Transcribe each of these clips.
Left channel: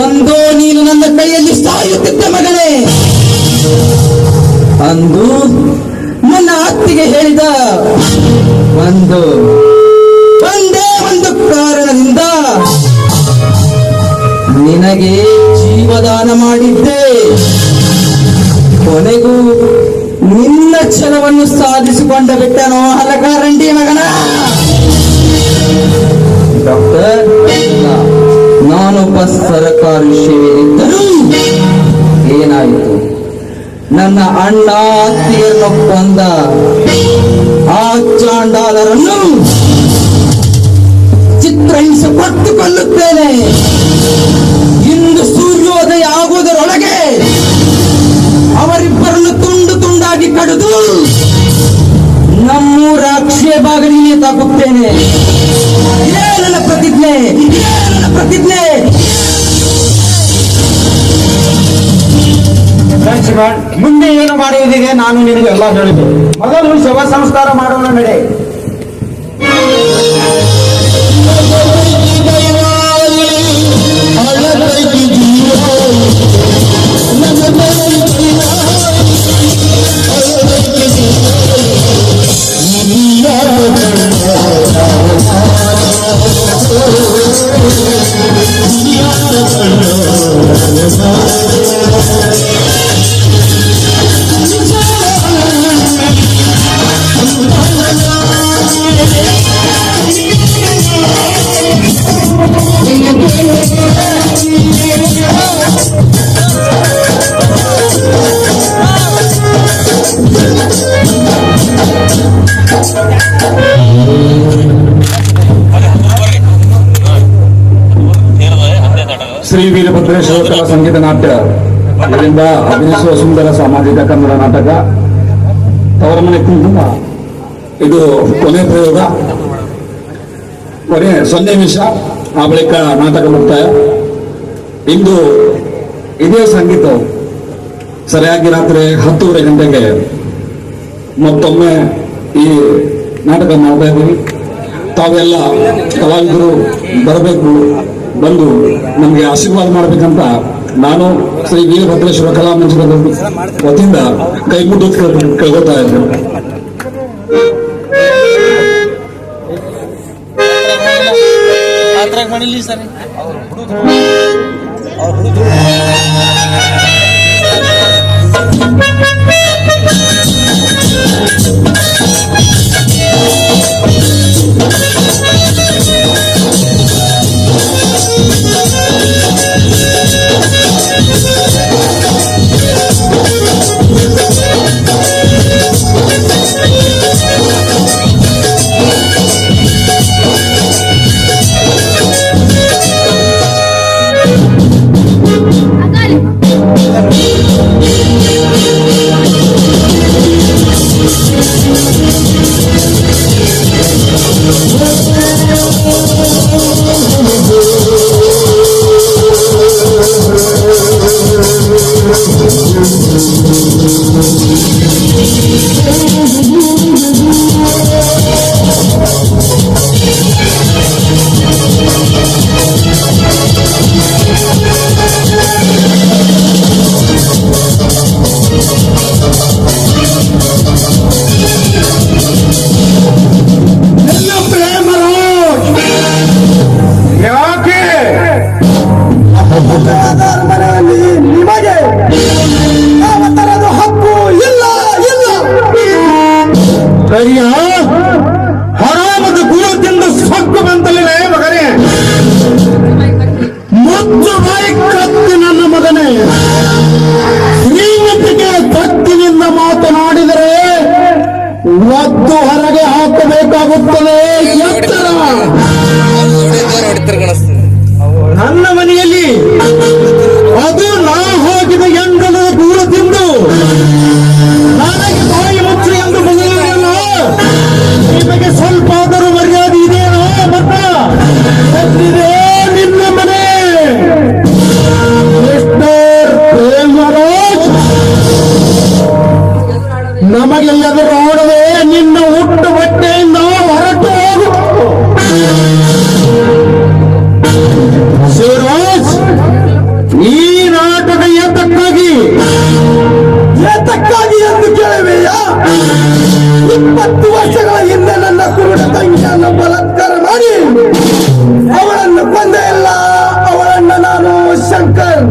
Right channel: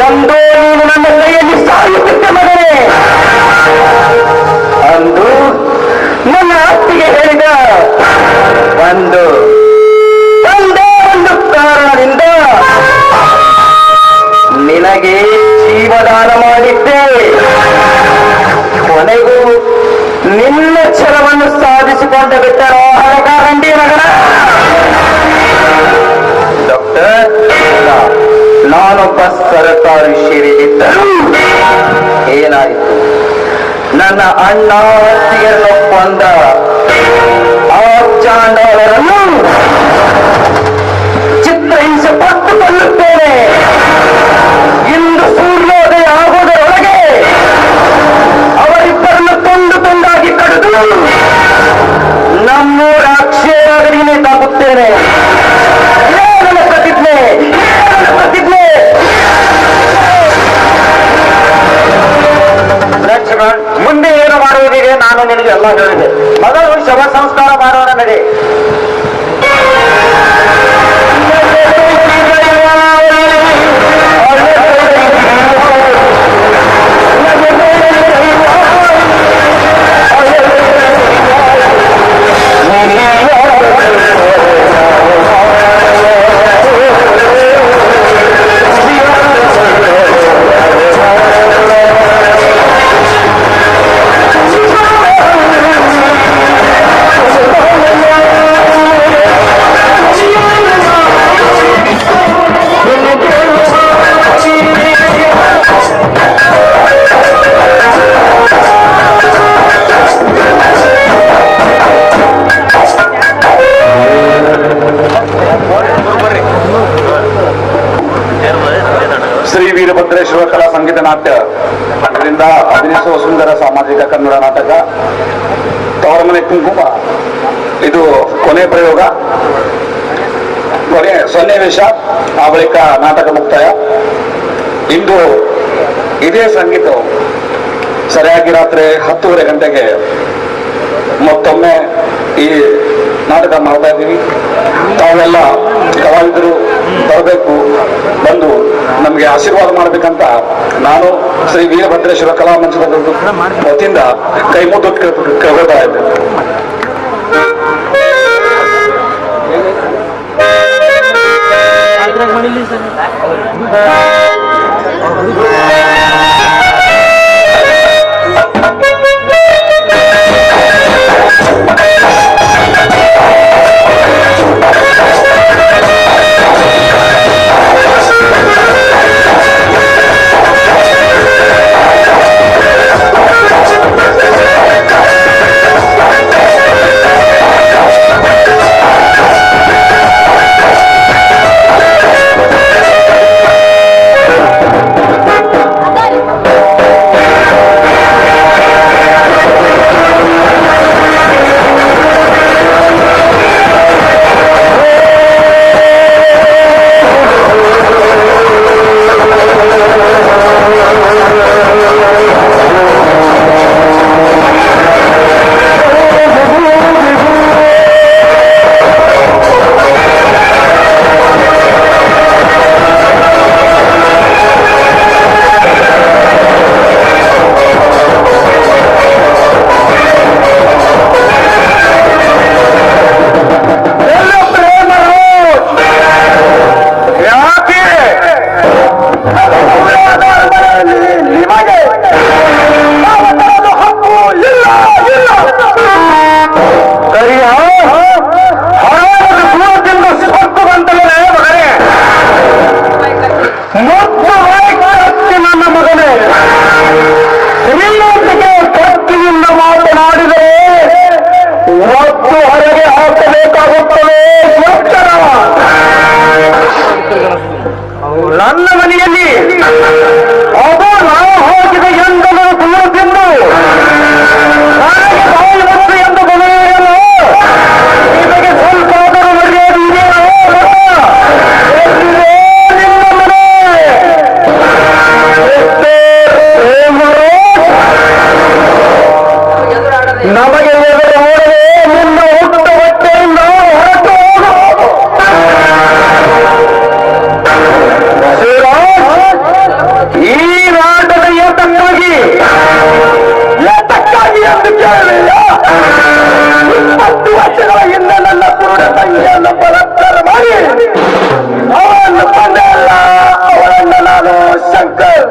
ಎಂದೋ ನೀನು ನನ್ನ ಕೈಯಲ್ಲಿ ಸಾಯುತ್ತಿದ್ದೆ ಮಗನೇ ಅಂದು ನನ್ನ ಅತ್ತಿಗೆ ಹೇಳಿದ ಒಂದು ಒಂದೇ ಒಂದು ಕಾರಣದಿಂದ ನಿನಗೆ ಜೀವದಾನ ಮಾಡಿದ್ದೆ. ಕೊನೆಗೂ ನಿನ್ನ ಛಲವನ್ನು ಸಾಧಿಸಿಕೊಂಡ ಬಿಟ್ಟನೋ ಹಲಕಾರಂಡಿ ಕಲಾ ಸಂಗೀತ ನಾಟ್ಯ. ಅದರಿಂದ ಅಭಿನಯಿಸುವ ಸುಂದರ ಸಾಮಾಜಿಕ ಕನ್ನಡ ನಾಟಕ, ತವರಮನೆ ಕುಂಕುಮ. ಇದು ಕೊನೆ ಪ್ರಯೋಗ. ಕೊನೆ ಸನ್ನಿವೇಶ ಆ ಬಳಿಕ ನಾಟಕ ಮುಕ್ತಾಯ. ಇಂದು ಇದೇ ಸಂಗೀತವು ಸರಿಯಾಗಿ ರಾತ್ರಿ ಹತ್ತೂವರೆ ಗಂಟೆಗೆ ಮತ್ತೊಮ್ಮೆ ಈ ನಾಟಕ ಮಾಡ್ತಾ ಇದ್ದೀವಿ. ತಾವೆಲ್ಲ ಕಲಾವಿದರು ಬರಬೇಕು. ಬಂದು ನಮಗೆ ಆಶೀರ್ವಾದ ಮಾಡಬೇಕಂತ ನಾನು ಶ್ರೀ ವೀರಭದ್ರೇಶ್ವರ ಕಲಾ ಮಂಚದ ವತಿಯಿಂದ ಕೈ ಮುದ್ದು ಕೇಳ್ತಾ Thank ಯಾಕೆ ನಮಗೆ ನೋಡದೆ ನಿನ್ನ ಹುಟ್ಟು ಹೊಟ್ಟೆ ಹೊರಟು ಶಿವರಾಜ್ ಈ ನಾಟದ ಏತಕ್ಕಾಗಿ ಏತಕ್ಕಾಗಿ ಎಂದು ಕೇಳಿ ಇಪ್ಪತ್ತು ವರ್ಷಗಳ ಹಿಂದೆ ನನ್ನ ಕುರುಡ ತಂಗಿಯನ್ನು ಬಲಾತ್ಕಾರ ಮಾಡಿ ಅವರನ್ನು ಬಂದೆ ಇಲ್ಲ ಅವರನ್ನು ನಾನು ಶಂಕರ್.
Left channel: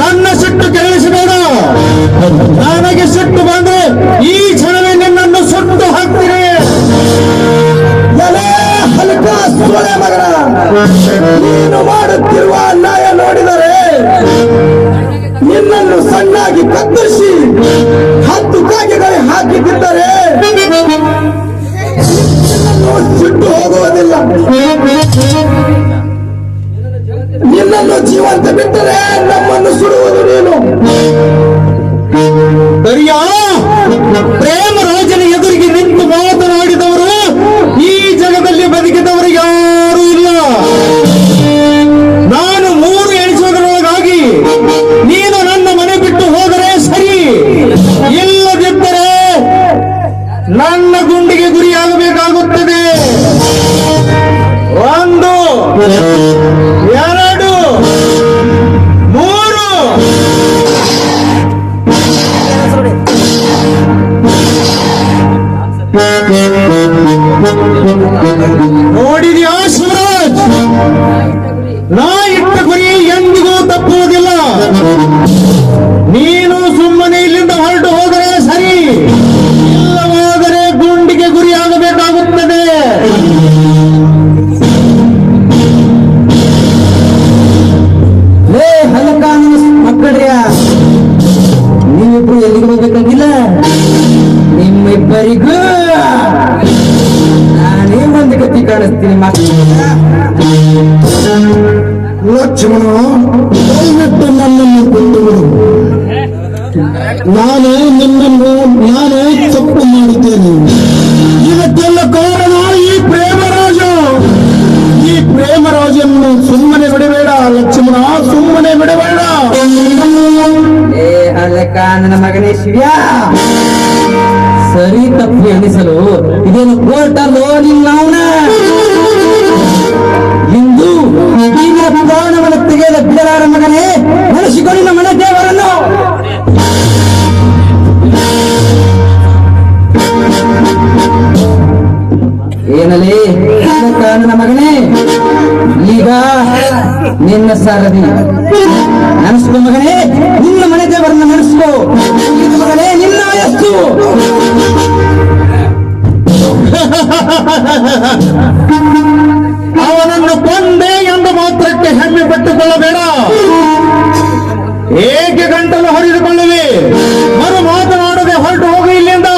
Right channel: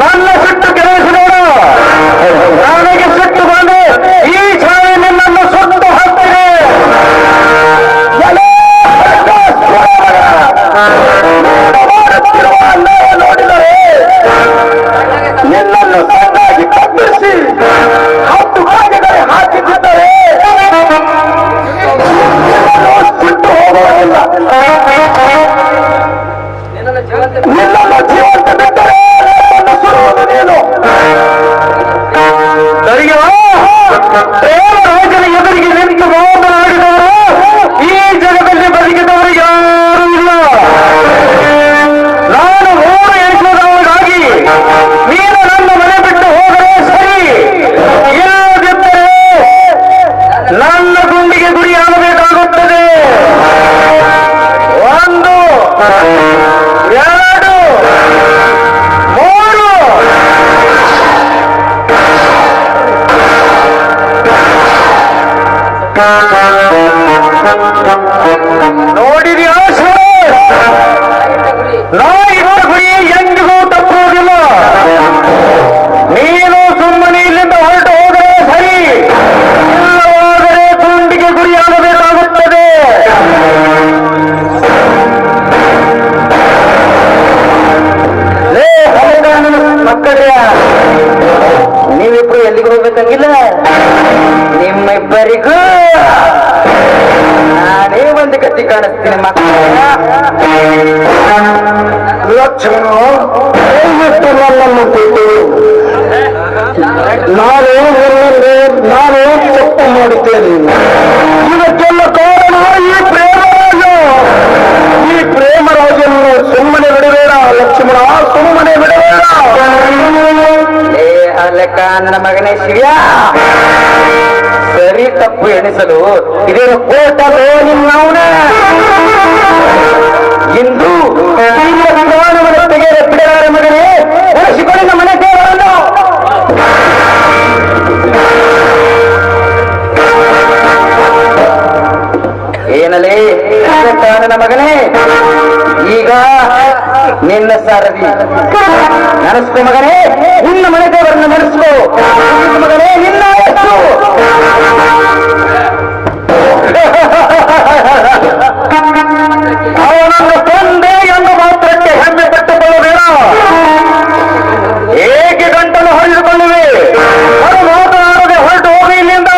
ನನ್ನ ಸಿಟ್ಟು ಕೆಲಸಬೇಡ ನನಗೆ ನಿಮ್ಮಿಬ್ಬರಿಗೂ ನಾನೇ ಒಂದು ಗತಿ ಕಾಣಿಸ್ತೀನಿ ಲಕ್ಷ್ಮಣ ದಯವಿಟ್ಟು ನನ್ನನ್ನು ಬಿಟ್ಟು. ನಾನು ನಿಮ್ಮನ್ನು ನಾನು ಚೆಕ್ ಮಾಡುತ್ತೇನೆ. ಇದಕ್ಕೆಲ್ಲ ಕಾರಣ ಈ ಪ್ರೇಮರಾಜ. ಈ ಪ್ರೇಮರಾಜನನ್ನು ಸುಮ್ಮನೆ ಬಿಡಬೇಡ ಲಕ್ಷ್ಮಣ ಸುಮ್ಮನೆ ಬಿಡಬೇಡ. ಏ ನನ್ನ ಮಗನೇ ಶಿವ್ಯ. ತಪ್ಪು ಎನಿಸಲು ಇದನ್ನು ಕೋರ್ಟಲ್ಲೋ ನಿಮ್ಮವನ ಇಂದು ಈಗ ವಿಧಾನವನ್ನು ತೆಗೆದ ಬಿಡಲಾರ ಮಗನೇ ಈಗ ನಿನ್ನ ಸಾರದಿ ನಡೆಸ್ಕೋ ಮಗನೇ, ನಿನ್ನ ಮನೆ ದೇವರನ್ನು ನಡೆಸ್ಕೋ ಮಗನೇ, ನಿನ್ನ ವಯಸ್ಸು ಅವನನ್ನು ಕೊಂದೆ ಎಂಬ ಮಾತ್ರಕ್ಕೆ ಹೆಮ್ಮೆ ಪಟ್ಟುಕೊಳ್ಳಬೇಡ. ಏಕೆ ಗಂಟಲು ಹರಿದುಕೊಳ್ಳುವೆ? ನಾನು ಮಾತನಾಡದೆ ಹೊರಟು ಹೋಗಿ ಇಲ್ಲಿಂದ.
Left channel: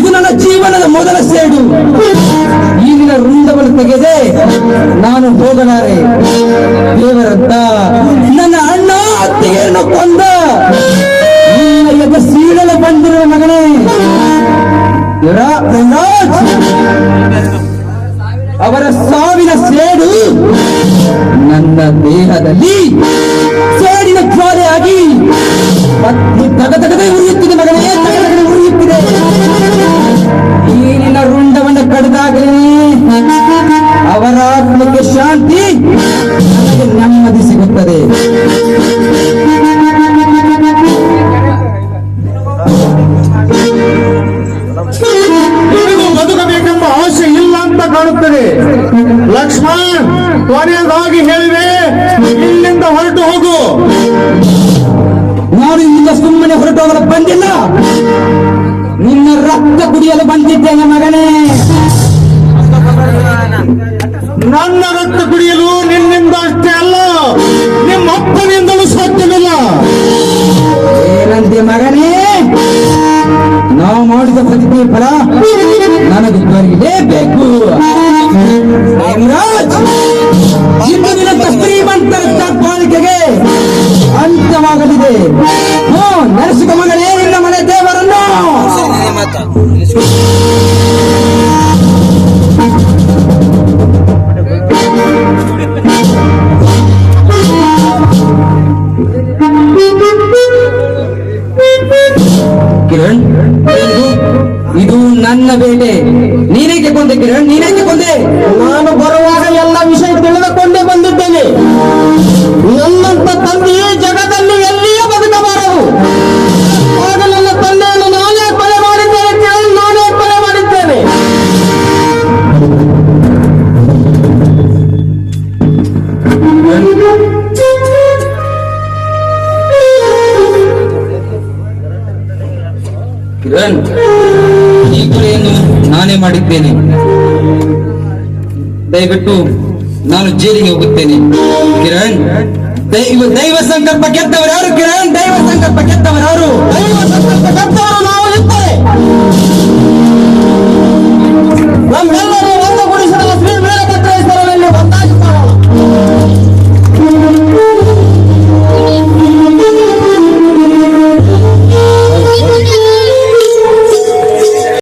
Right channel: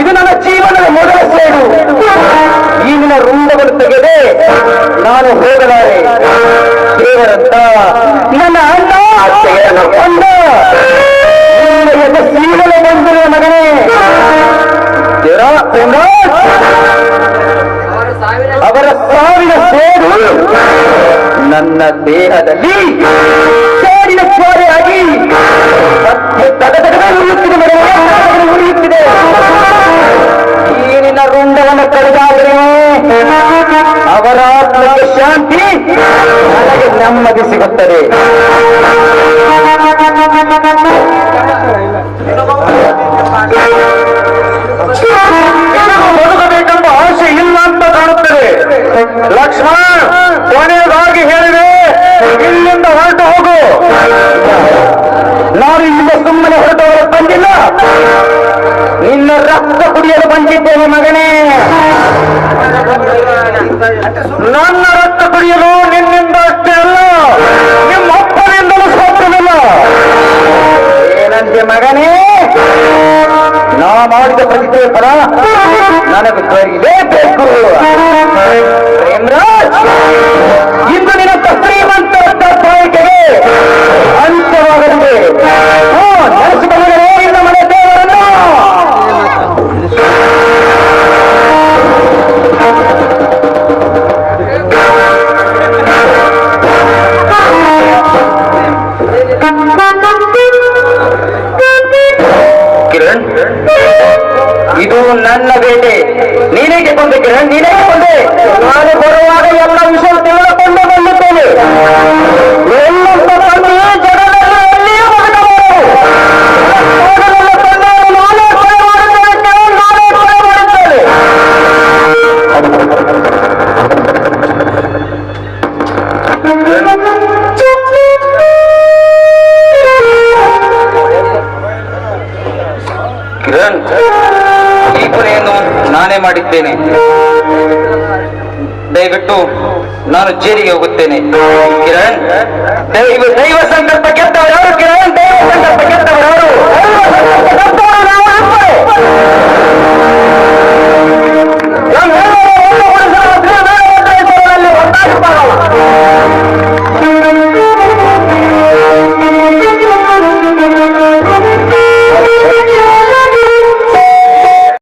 ಇದು ನನ್ನ ಜೀವನದ ಮೊದಲ ಸೈಡು. ಈಗಿನ ರುಂಡವನ್ನು ತೆಗೆದೆ ನಾನು ಹೋಗಲಾರೆ. ದೇವರಂತ ನನ್ನ ಅಣ್ಣ ಅತ್ತೆಯನ್ನು ಕೊಂಡ ನಿನ್ನ ಅವರ ಸಾವಿನ ಸೇರು ನನ್ನ ದೇಹದಲ್ಲಿ ಸೇರಿದ ಜ್ವಾಲೆಯಾಗಿ ಉರಿಯುತ್ತಿದೆ ತಗದಗದೆ ಉರಿಯುತ್ತಿದೆ ಪಡೆದಾಗಲೇ ಅವರ ಆತ್ಮಕ್ಕೆ ಶಾಂತಿ ನನಗೆ ನೆಮ್ಮದಿ ಸಿಗುತ್ತದೆ. ಲಕ್ಷ್ಮಣ್, ಕೊನೆಯದಾಗಿ ಹೇಳಿದೆ, ಇಲ್ಲಿಂದ ಹೊರಟು ಹೋಗು. ನಾನು ಇಲ್ಲಿಂದ ಸುಮ್ಮನೆ ಹೊರಟವರು ಬಂದಿಲ್ಲ. ನಿನ್ನ ರಕ್ತ ಕುಡಿಯಲು ಬಂದಿದ್ದೇನೆ ಮಗನೇ. ನನ್ನ ರಕ್ತ ಕುಡಿಯಲು ನಿನ್ನಿಂದ ಅಷ್ಟೇ ಅಲ್ಲ. ಮಾಡಿದ್ದೇನೆ ದಯವಿಟ್ಟು ನಾನು ಜೈಲಿಗೆ ಹೋಗುತ್ತೇನೆ. ಕಿರಣ್, ದೈವ ಸಂಕಲ್ಪ ಕೆತ್ತವರು ಯಾರು ಕಿರಣ್, ದೈವ ಸಂಕಲ್ಪ ಕೆತ್ತವರು ಯಾರು ದೈವ ಸಂಕಲ್ಪ.